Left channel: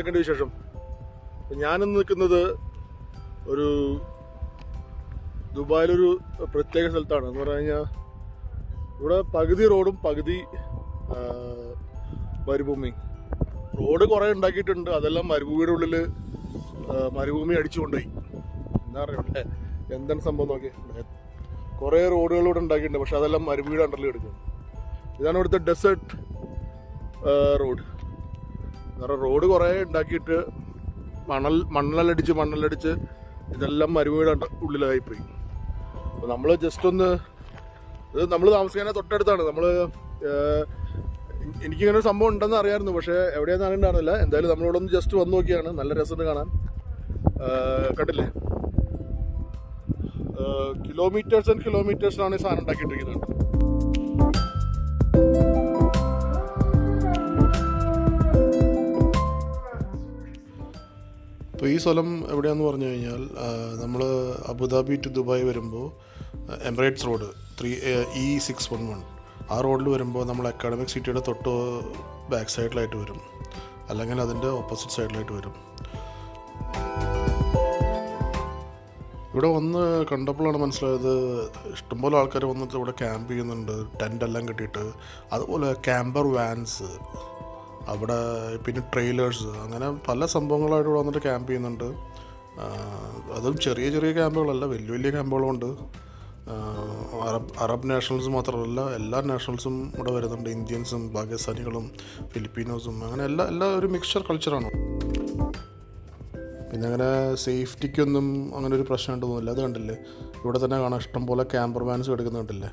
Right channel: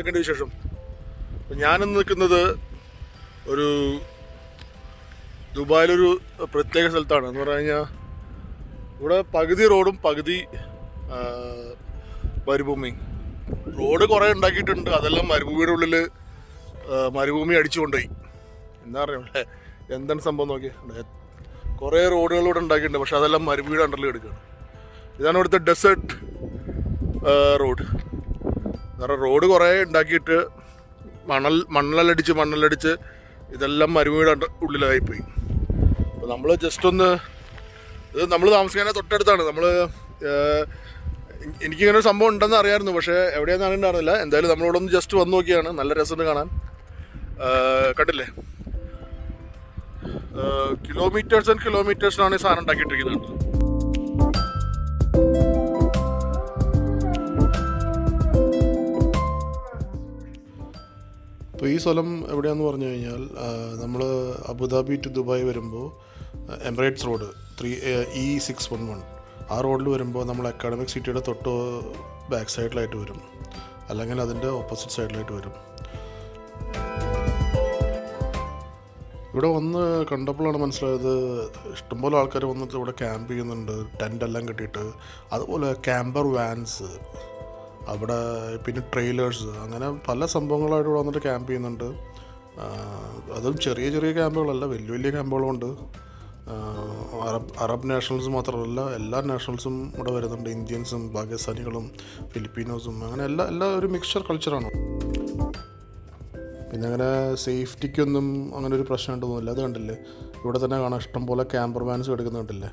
എന്തൊക്കെയുണ്ട് വിശേഷം? ഞാനിന്ന് നിൽക്കുന്നത് ഒരു ദുബായിലൊരു പ്രത്യേക സ്ഥലത്താണ്. എന്ന് പറഞ്ഞു കഴിഞ്ഞാൽ ഇവിടെ പകുതി റോഡും പകുതി മരുഭൂമി. റോഡ് കുറേ ഉണ്ടാക്കിയിട്ടുണ്ട്, അതെല്ലാം മരുഭൂമിയുടെ ഉള്ളിൽ മരുഭൂമി അടിച്ചുകൊണ്ടുപോയി. എന്താ പറയുക, എന്താണ് സംഭവം നോക്കിയാൽ കുറേ റോഡുകളിലൂടെ ഉണ്ടാക്കിയിട്ടുണ്ട്, പക്ഷെ അതെല്ലാം മരുഭൂമിയുടെ അണ്ടറിൽ എടുക്കുകയാണ്. ഇതാണ് ഇവിടുത്തെ ഡെസേർട്ട് റോഡ്. കാരണം റോഡ് കുറേ ഉണ്ടാക്കിയിട്ട് മണ്ണലടിച്ച് ഇതെല്ലാം മരുഭൂമിയുടെ ഉള്ളിലായിപ്പോയി. അപ്പോൾ നമ്മൾ ജസ്റ്റ് ഒന്ന്, ഇത് നമ്മൾ താമസിക്കാനേ തൊട്ടടുത്താണ്. എനിക്കിങ്ങനെ ഒരു സംഭവം ഉണ്ടെന്ന് അറിയാമായിരുന്നു, പക്ഷേ എവിടെയാണെന്ന് അറിയണ്ടായിരുന്നില്ല. എന്തായാലും നമ്മളിവിടെ ഒന്ന് ജസ്റ്റ് വന്ന് നോക്കിയാണ്. നല്ല രസമുണ്ട് കാണാൻ. കണ്ടില്ലേ, കിലോമീറ്റേഴ്സ് ആൻഡ് കിലോമീറ്റേഴ്സിലാണ് ഈ സാധനം ഉണ്ടാക്കിയിട്ടിരിക്കുന്നത്. അപ്പോൾ ഈ സ്ഥലം എവിടെയാണെന്ന് പറഞ്ഞു കഴിഞ്ഞാൽ, നമ്മൾ അബുദാബി ടു ദുബായ് വരുമ്പോൾ എമിറേറ്റ്സ് റോഡ് E611 ആ റോഡിൽ വരുമ്പോൾ നമ്മൾ അക്കാഡമിക് സിറ്റിയുടെ തൊട്ട് ബാക്ക് സൈഡിലായിട്ട് വരും, അല്ലെങ്കിൽ അതിൻ്റെ ഓപ്പോസിറ്റ് സൈഡിലായിട്ട് വരും. ഇവിടെ വന്ന് കണ്ടപ്പോഴാണ് മനസ്സിലായത്, ഇഷ്ടംപോലെ ആൾക്കാർ വന്നിട്ട് ഇവിടെ ക്യാമ്പ് ചെയ്യുന്നുണ്ട്, ടെൻ്റെല്ലാം കെട്ടിയിട്ട്. അതുപോലെ ക്യാമ്പർ വാൻസ് അവിടെ, പിന്നെ ട്രെയിലേഴ്സ്, അങ്ങനെ പല സംഭവങ്ങളായിട്ട് ഇവിടെ വന്നിട്ട് ക്യാമ്പ് ചെയ്യുന്നുണ്ട്. അതും ചെറിയ ചെറിയ ക്യാമ്പുകളല്ല, വലിയ വലിയ ക്യാമ്പുകളുമുണ്ട്. അറബ് നാഷണൽസ് മാത്രമല്ല, എല്ലാ നാഷണൽസും ഇവിടെ വരുന്നുണ്ട്. ഇന്ത്യൻസും പാകിസ്ഥാനികളും ഫിലിപ്പീനോസും, അങ്ങനെ എല്ലാ ഒരു മിക്സ്ചർ കൾച്ചറാണ്. പിന്നെ അങ്ങനെ സേഫ്റ്റിക്കൊന്നും അങ്ങനെ ഒരു പ്രശ്നം ഉണ്ടെന്നില്ല. അത് കണ്ടില്ലേ, ഇവിടെ തന്നെ കാണാം ഇഷ്ടംപോലെ ക്യാമ്പർ വാൻസ് എടുക്കുന്നത് കണ്ടില്ലേ.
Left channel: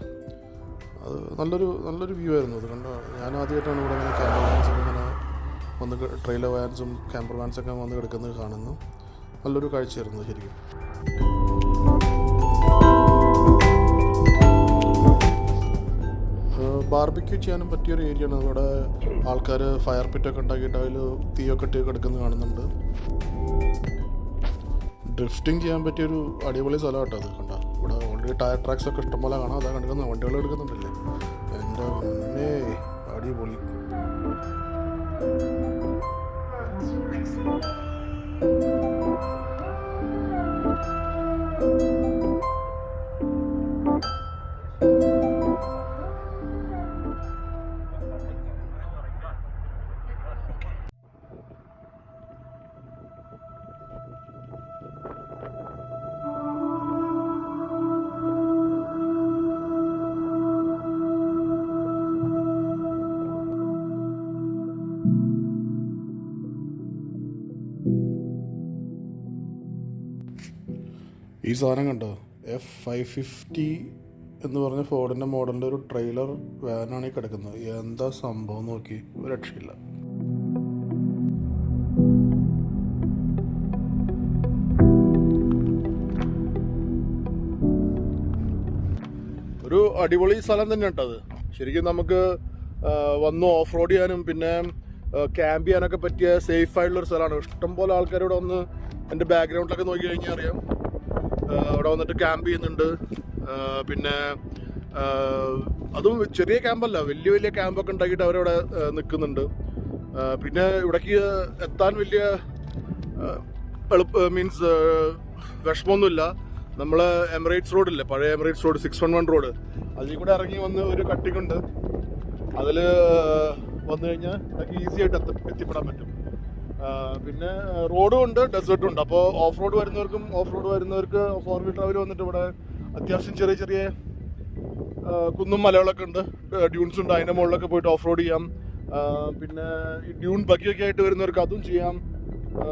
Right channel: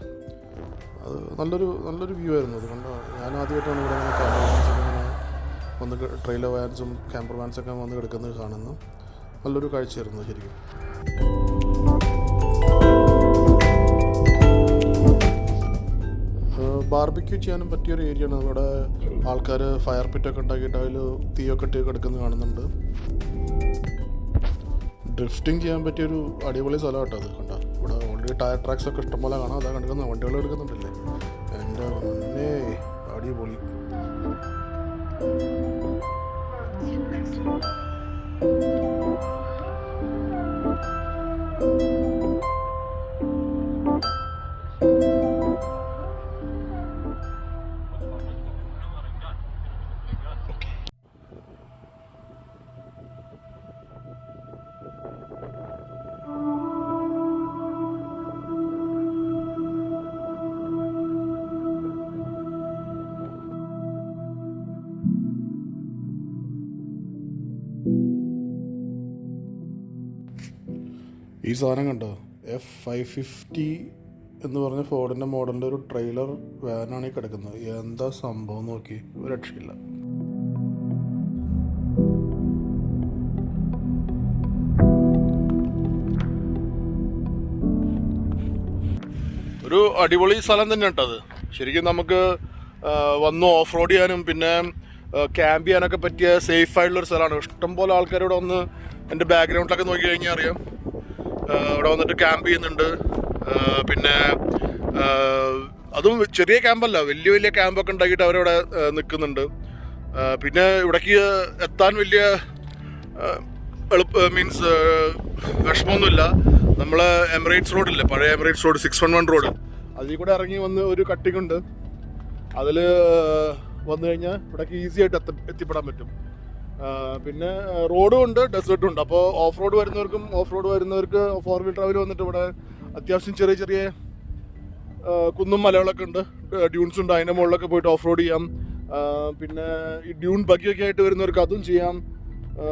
അത് നല്ലൊരു വ്യൂ ആയിരുന്നു. അത് കണ്ടോ, ഞാൻ ആദ്യമായിട്ടാണ് ഇവിടെ ഇങ്ങനെ ക്യാമ്പർ വാൻസൊക്കെ ഇങ്ങനെ വന്ന്, ട്രെയിലർ വാൻസും ക്യാമ്പർ വാൻസൊക്കെ വന്ന് കിടക്കുന്നത് കാണുന്നു. നല്ലൊരു കാഴ്ചയായിരുന്നു ശരിക്കും. ബാർബിക്യൂ ചെയ്യാനും പറ്റിയൊരു ഏരിയയാണ്. ഇവിടെ ആൾക്കാർ ഫയർ പിറ്റൊക്കെ ഉണ്ടാക്കിയിട്ട് അതിൽ തീയൊക്കെ ഇട്ട് കിടക്കുന്നത് കാണുന്നുണ്ട്. ഡ്രിഫ്റ്റിംഗ് ചെയ്യാൻ പറ്റിയൊരു അടിപൊളി സ്ഥലം കേട്ടോ അത്. കണ്ടോ, ഇവിടെ ഓൾറെഡി ടയർ ട്രാക്സ് ഒക്കെ ഇഷ്ടംപോലെ കാണാം. അതാ കണ്ടിരിക്കുന്നത്, വണ്ടികൾ എടുക്കുന്നുണ്ടല്ലേ. എൻ്റെ മുന്നേ അടിപൊളി. ഈ സാധനം കണ്ടോ, F550 എന്ന് പറഞ്ഞ ഫോർഡിൻ്റെ മോഡലിൻ്റെ ഒരു ട്രെയിലർ വാനാണ് ഈ കിടക്കുന്നത്. എന്താ സംഭവം നോക്കി, ഒരു രക്ഷയില്ല. ഒരു അടിപൊളി സ്ഥലം തന്നെ കേട്ടത്. ശരിക്കും നമുക്ക് വന്ന് ഓഫ് റോഡ് ചെയ്യാനും പിന്നെ ക്യാമ്പ് ചെയ്യാനൊക്കെ പറ്റിയ സേഫ് ആയിട്ടുള്ളൊരു സ്ഥലമാണ്. ഇഷ്ടംപോലെ ആൾക്കാർ ഇവിടെ വന്ന്, എൻ്റെ ബാക്ക്ഗ്രൗണ്ടിലൊക്കെ നോക്കി കഴിഞ്ഞാൽ അറിയാം, ഇവിടെ വന്നിട്ട് ക്യാമ്പ് ചെയ്യുന്നുണ്ട്. പിന്നെ അതും ചെറിയ ക്യാമ്പല്ല, വലിയ വലിയ ക്യാമ്പൊക്കെ ഉണ്ടാക്കിയിട്ട് അവരവിടെ നിൽക്കുന്നുണ്ട്. പിന്നെ ഇവിടേക്ക് എത്താൻ വലിയ മീൻസ് വിഷമമൊന്നുമില്ല. നമ്മൾ എമിറേറ്റ്സ് റോഡില്ലേ, പഴയ എമിറേറ്റ്സ് റോഡ് 611 റോഡ്, അതിൽ കൂടെ ഇറങ്ങി വന്ന് ഒരു കട്ടിങ് ഉണ്ട്. അതിൽ വന്നു കഴിഞ്ഞാൽ ഇവിടേക്ക് ഈസി ആയിട്ട് എത്തിപ്പെടാൻ പറ്റും. പിന്നെ റോഡും ഉണ്ട്, ഡെസേർട്ടും ഉണ്ട്. അപ്പോൾ ഓഫ് റോഡ് വരുന്നവർക്ക് 4 വീൽ ട്രാവൽ വന്നിട്ട് ഇവിടെ അത്യാവശ്യം ചെറിയ ചെറിയ കുന്നും മലകളൊക്കെ ഉണ്ട്, ഡ്യൂൺസ് ഉണ്ട്. അതിൻ്റെ മുകളിലൊക്കെ പോയിട്ട് ഓഫ് റോഡ് ചെയ്യാം. പിന്നെ ഈ ഡ്യൂൺ ബഗ്ഗിയൊക്കെ ആയിട്ട് വരുന്നവർക്ക് അതും ചെയ്യാം.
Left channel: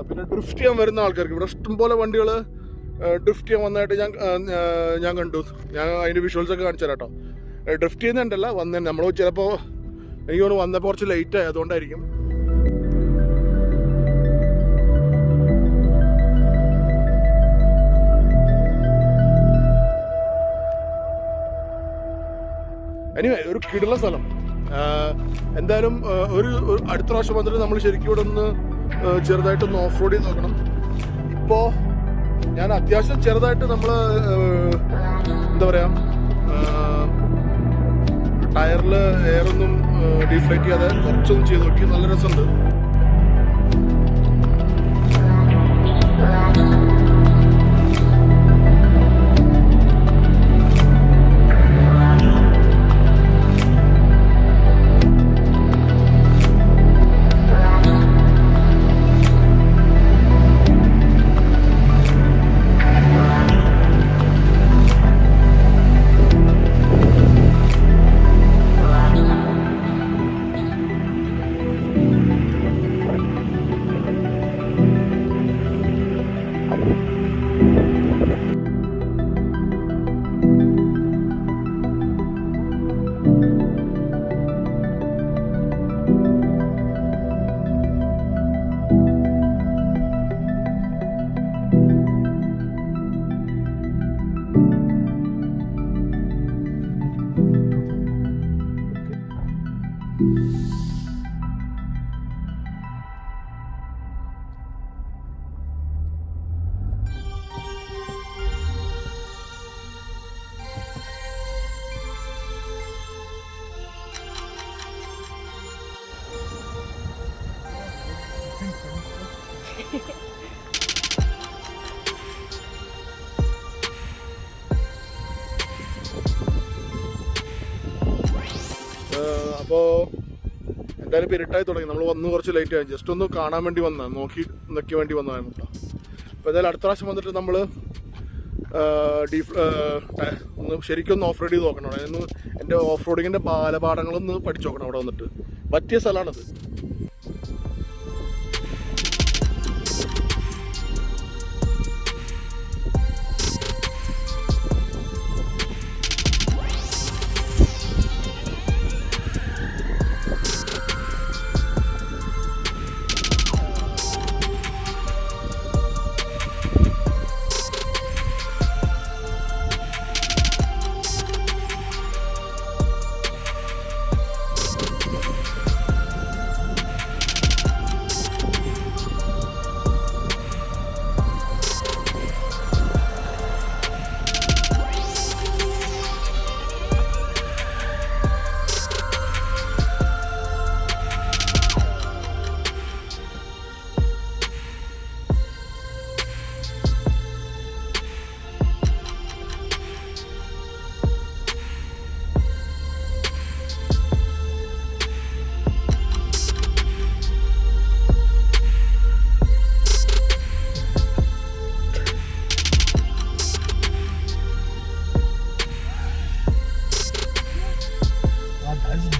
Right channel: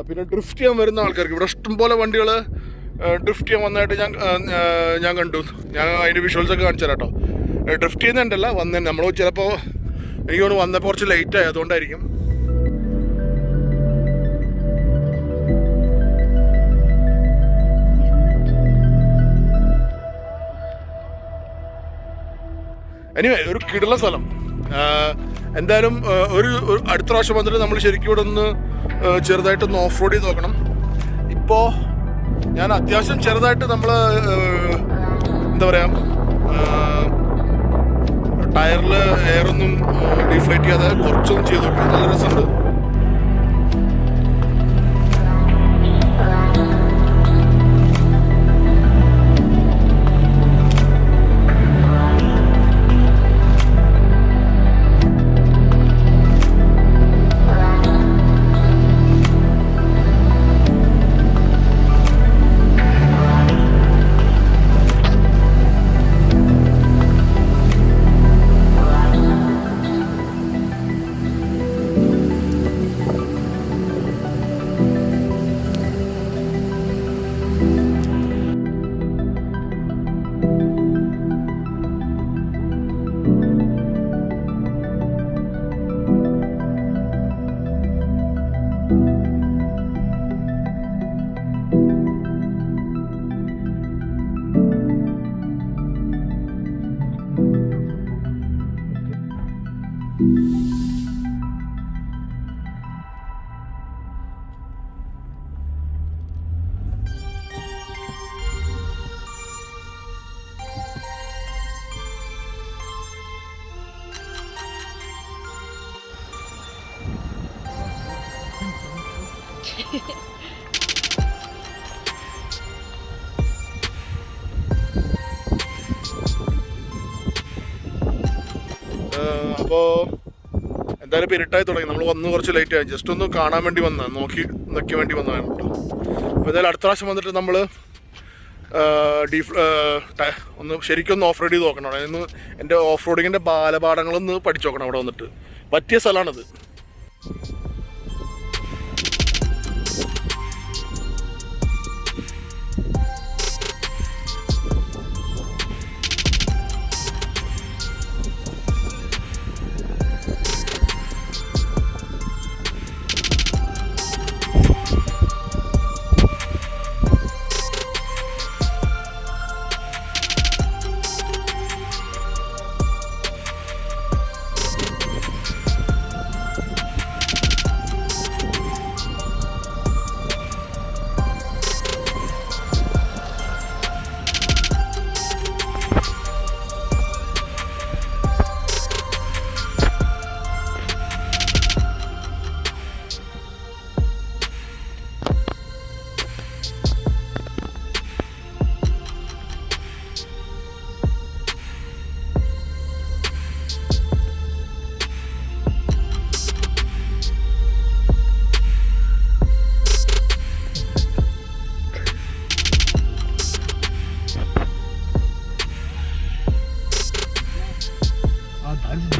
പിന്നെ ഡ്രിഫ്റ്റ് ചെയ്യാൻ വരുന്ന ആൾക്കാർക്ക് ഇവിടെ ഇഷ്ടംപോലെ വണ്ടികൾ ഡ്രിഫ്റ്റ് ചെയ്യാൻ വന്നതായിട്ട് ഞാൻ കണ്ടു. ഞാൻ അതിൻ്റെ വിഷ്വൽസൊക്കെ കാണിച്ചു തരാം കേട്ടോ. ഡ്രിഫ്റ്റ് ചെയ്യുന്നുണ്ടല്ല, നമ്മൾ ചിലപ്പോൾ എനിക്ക് തോന്നുന്നു വന്നപ്പോൾ കുറച്ച് ലേറ്റായി, അതുകൊണ്ടായിരിക്കും. എനിവേ, ഒരു കിടിലൻ സ്ഥലം. എന്തായാലും ഒരു അടുത്ത പ്രാവശ്യം വന്നിട്ട് നമ്മൾ ശരിക്കും ഇവിടെ ഒന്ന് ചെറുതായിട്ടൊന്ന് ഓഫ് റോഡ് ചെയ്ത് നോക്കണം. ഇപ്പോൾ ഞാൻ അത്യാവശ്യം ചെറുതായിട്ട് നമ്മൾ എന്താ പറയുക, ടയറിൽ എയറൊന്നും ഡീഫ്ലേറ്റ് ചെയ്യാതെ കുറച്ചൊന്നും ചെയ്ത് നോക്കി. നല്ല രസമുണ്ട്. അപ്പോൾ എന്തായാലും ഇപ്പോൾ ഇരുട്ടായി തുടങ്ങി. നമ്മൾ വന്ന് കുറച്ച് ലേറ്റ് ആയി. ജസ്റ്റ് ഒന്ന് കാണാൻ വേണ്ടി വന്നതാണ്, നോക്കി വേണ്ടി വന്നതാണ് കേട്ടോ. അപ്പോൾ എന്തായാലും അടുത്ത പ്രാവശ്യം വന്നിട്ട് നമ്മൾ ഒന്ന് ശരിക്കും ഓഫ് റോഡ് ചെയ്ത് നോക്കണം. അവിടെ നിന്ന് എൻ്റെ ഓഫ് റോഡിങ്ങിൻ്റെ ബാലപാഠങ്ങളൊന്ന് പഠിച്ചു നോക്കണം. അവിടെ വന്നിട്ട് പറ്റിയ സ്ഥലമാണത്.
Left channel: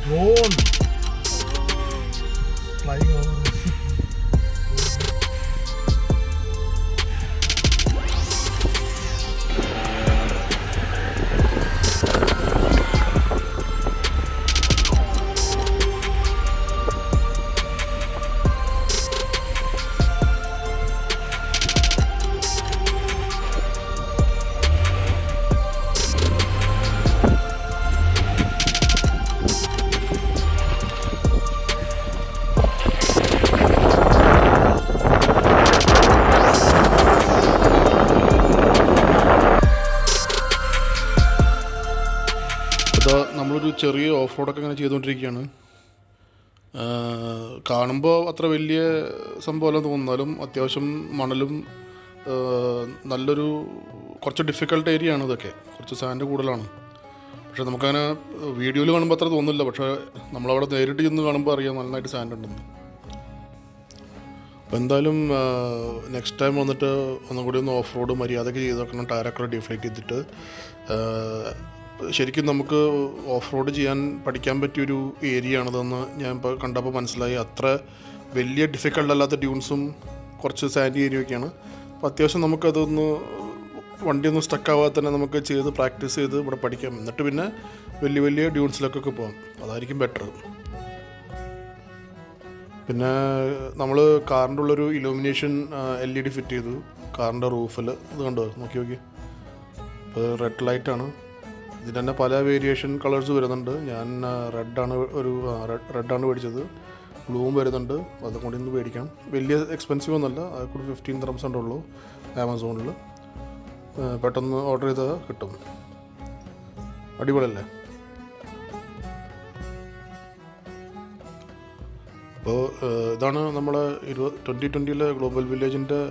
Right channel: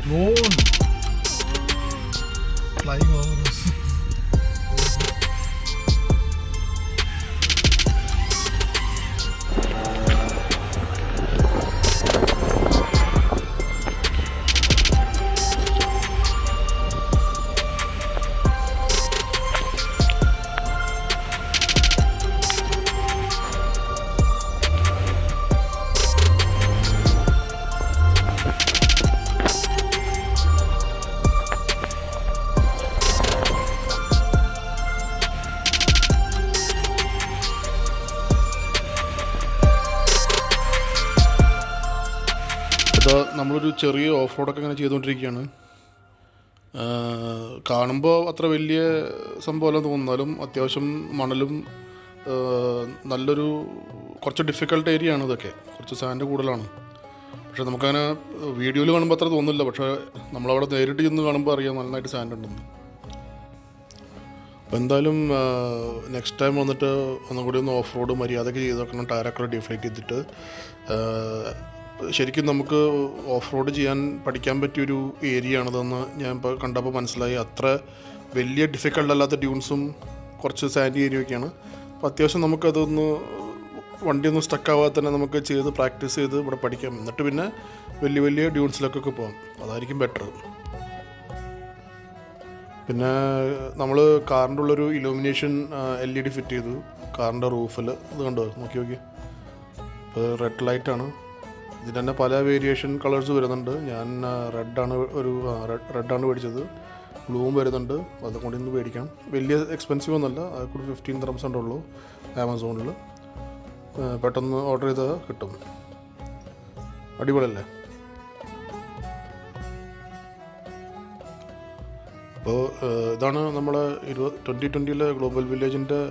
Drone flying over us. നമ്മളൊരു ചെറിയ ഓഫ് റോഡൊക്കെ ഇങ്ങനെ ചെയ്തുകൊണ്ടിരിക്കുകയാണ്. കാണുമ്പോൾ അത്ര വലിയ സംഭവമല്ല തോന്നുന്നാലും അത്യാവശ്യം മണലും നല്ലൊരു കുറച്ച് ഡിഫിക്കൽട്ട് ഏരിയ ആണ്. ഇതൊക്കെ കുറച്ച് സാൻഡ് കൂടുതലാണ്. പക്ഷേ നമുക്കങ്ങനെ വീഡിയോയിൽ കാണുമ്പോൾ അത്ര തോന്നില്ല. പക്ഷേ നമ്മളവിടെ നേരിട്ട് ചെന്ന് കാണുമ്പോൾ അറിയാം നന്നായിട്ട് സാൻഡ് ഉണ്ടെന്ന്. അപ്പോൾ എന്തായാലും നെക്സ്റ്റ് ടൈം വന്നിട്ട് ഒന്നും കൂടി ഒന്ന് ഓഫ് റോഡ് മര്യാദയ്ക്ക് ചെയ്ത് നോക്കണം. ടയറൊക്കെ ഡിഫ്ലേറ്റ് ചെയ്തിട്ട് ശരിക്കും നമുക്ക് ഓഫ് റോഡ് ചെയ്യാൻ പഠിക്കാൻ പറ്റിയൊരു ഏരിയ ആണതെന്ന് ഞാൻ ഇപ്പോൾ കണ്ടപ്പോൾ മനസ്സിലായി. അത്ര വലിയ ഡിഫിക്കൽട്ട് അല്ലാത്ത ഡ്യൂൺസും കുറച്ച് സാൻഡി ഏരിയയൊക്കെയാണ്. അപ്പോൾ അത്യാവശ്യം നമുക്കതൊന്ന് വണ്ടിയൊന്നും സ്റ്റക്കാവാതെ തന്നെ നമുക്ക് ചെയ്ത് പ്രാക്ടീസ് ചെയ്ത് ഇവിടെ പഠിക്കാം. എന്നിട്ട് പിന്നെ വലിയ ഡ്യൂൺസിലൊക്കെ പോകാം. അതായിരിക്കും ബെറ്റർ. പിന്നെ നമ്മൾ കാറിൻ്റെ ഉള്ളൊരു ഇലൂമിനേഷൻ LED ഫിറ്റ് ചെയ്തു കാറിൻ്റെ റൂഫിൽ. ഇത് കണ്ടോ, നോക്കി. ഇപ്പോൾ റെഡ് ലൈറ്റാണ്. ഇതിന് തന്നെ പല വേരിയേഷൻ കളേഴ്സ് വരുന്നുണ്ട്. ഞാൻ റെഡാണ് മേടിച്ചത്. ബ്ലൂവും വരുന്നുണ്ട്. അതും കൂടി ഒന്ന് മേടിക്കാം. വലിയ എക്സ്പെൻസീവ് ഒന്നുമല്ല. അത് കൂടി 15 dirhams ഉള്ളൂ ആമസോണിൽ. പെട്ടെന്ന് ഓർഡർ ചെയ്താൽ കിട്ടും. അടിപൊളിയല്ലേ? അപ്പോൾ ഇതാണ് നമ്മളെ 2020 ഗ്ലോബൽ വില്ലേജിൻ്റെ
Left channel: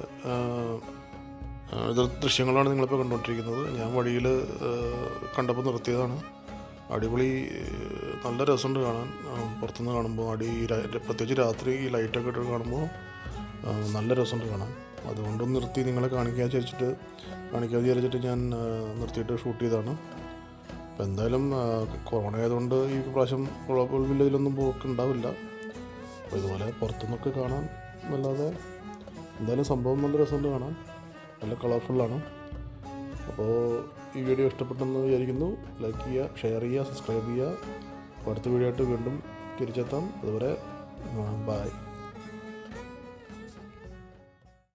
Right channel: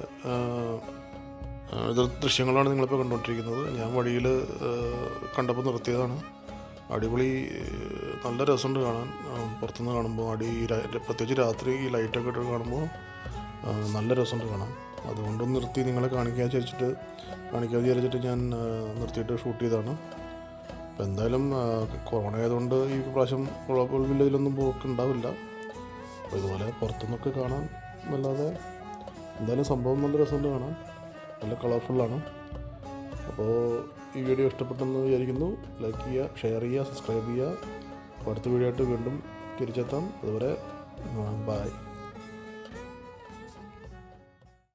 ദൃശ്യങ്ങളാണ് നിങ്ങളിപ്പോൾ കണ്ടുകൊണ്ടിരിക്കുന്നത്. ഞാൻ വഴിയിൽ കണ്ടപ്പോൾ നിർത്തിയതാണ്. അടിപൊളി, നല്ല രസമുണ്ട് കാണാൻ. പുറത്തുനിന്ന് കാണുമ്പോൾ പ്രത്യേകിച്ച് രാത്രി ഈ ലൈറ്റൊക്കെ ഇട്ട് കാണുമ്പോൾ നല്ല രസമുണ്ട് കാണാൻ. അതുകൊണ്ടൊന്ന് നിർത്തി നിങ്ങളെ കാണിക്കാതെ വിചാരിച്ചിട്ട് ഞാൻ നിർത്തിയിട്ട് ഷൂട്ട് ചെയ്തതാണ്. അപ്പോൾ എന്തായാലും കൊറോണ ആയതുകൊണ്ട് ഈ പ്രാവശ്യം ഗ്ലോബൽ വില്ലേജിലൊന്നും പോക്കുണ്ടാവില്ല. അപ്പോൾ ഇതുപോലെ പുറത്തുനിന്നൊക്കെ കാണാൻ അല്ലാതെ എന്തായാലും സംഭവം നല്ല രസമുണ്ട് കാണാൻ. നല്ല കളർഫുള്ളാണ്. അപ്പോൾ ഈ വീഡിയോ ഇഷ്ടപ്പെട്ടെന്ന് വിചാരിക്കുന്നു. ലൈക്ക് ചെയ്യുക, ഷെയർ ചെയ്യുക, സബ്സ്ക്രൈബ് ചെയ്യുക. അപ്പോൾ അടുത്ത വീഡിയോ ആയിട്ട് വീണ്ടും തിരിച്ചെത്താം. അതുവരെ ബൈ.